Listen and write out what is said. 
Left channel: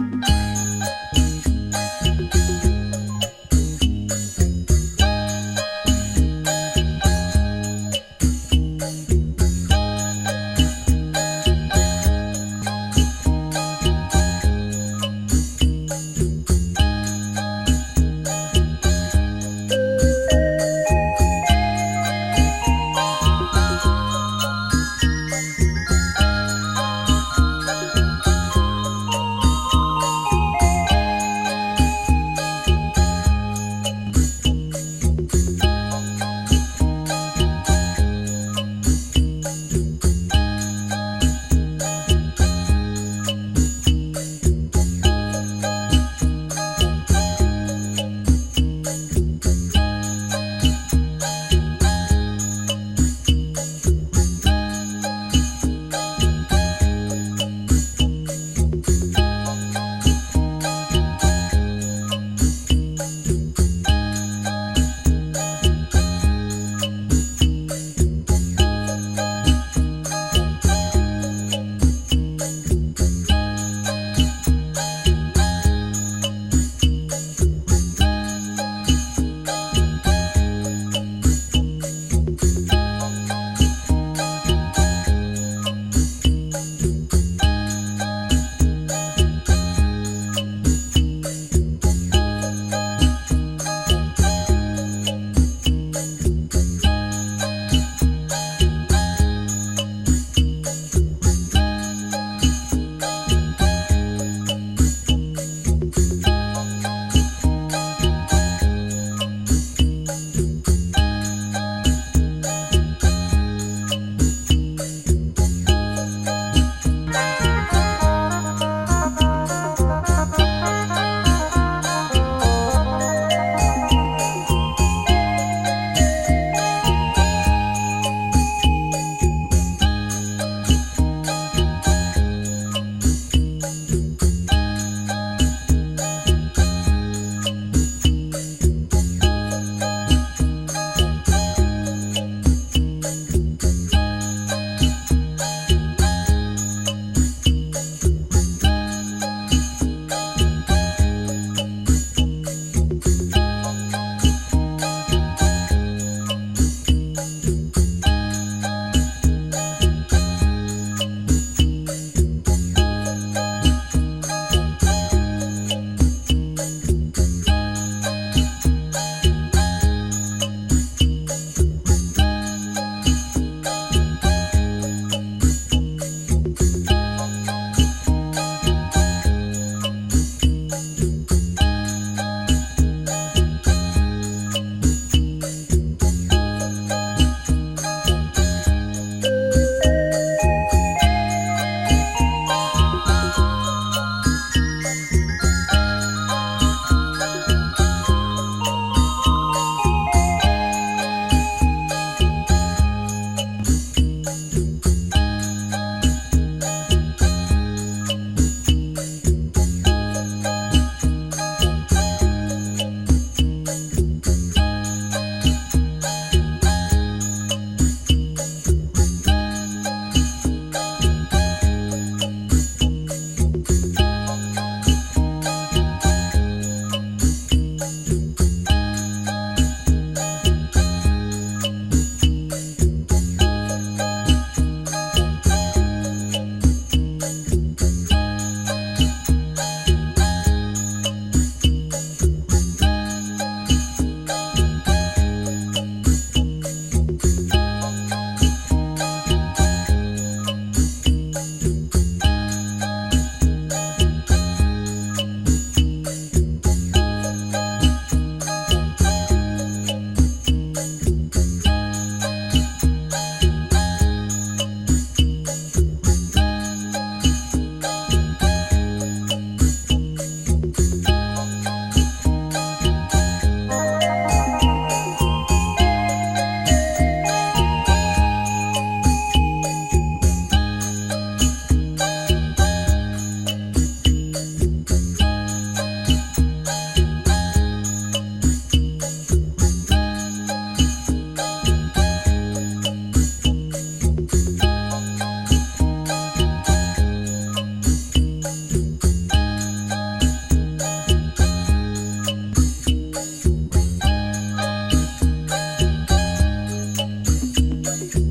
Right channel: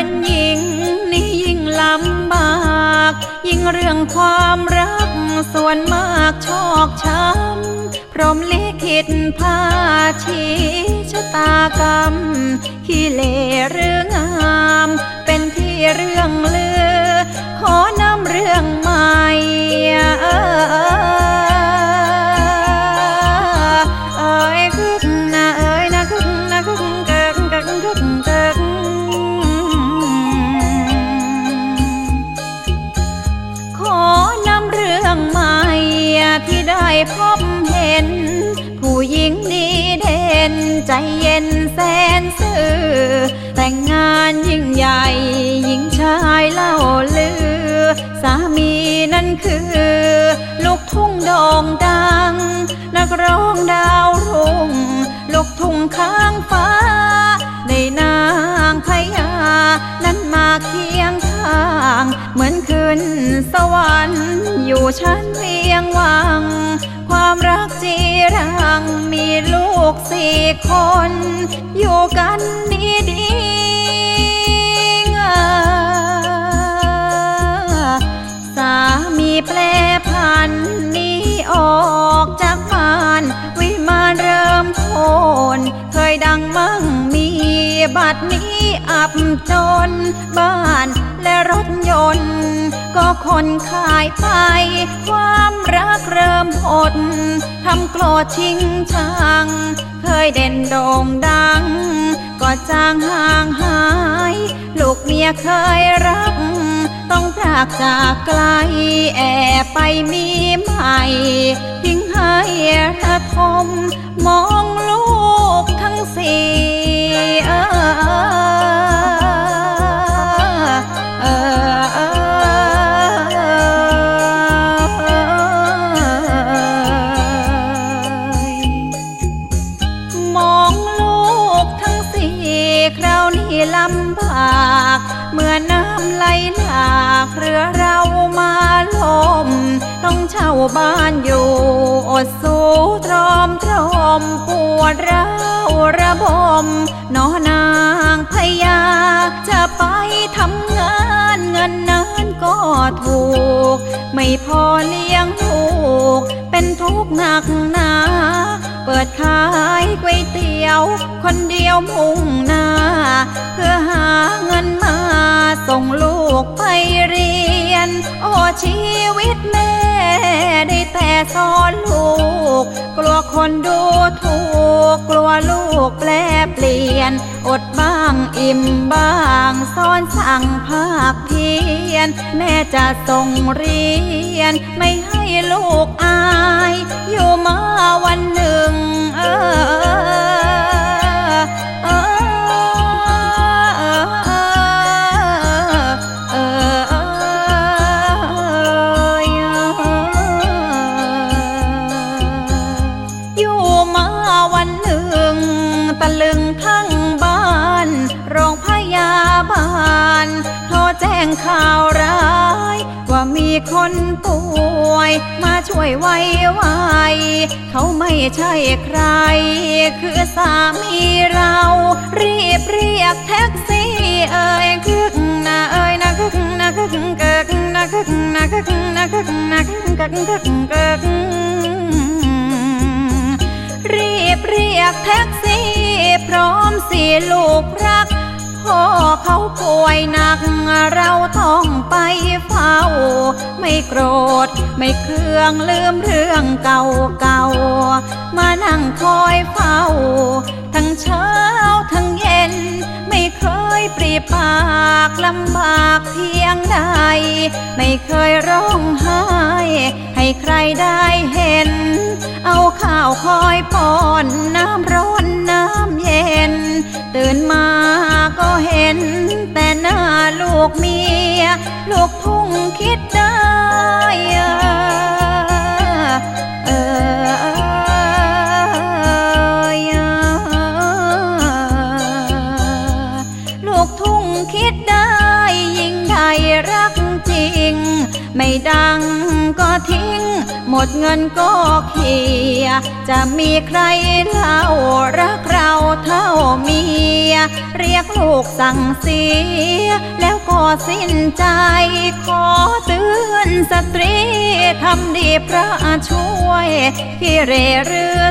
anh nghiêng เรีย ใช่ใคร ก็เคียจะมีใครเท่ารักเราเท่าเมีย เรียกลูกสั่งเสีย แล้วก็สิ้นใจ ขอเตือนสตรี ทำดีพระช่วย ที่เรื่อ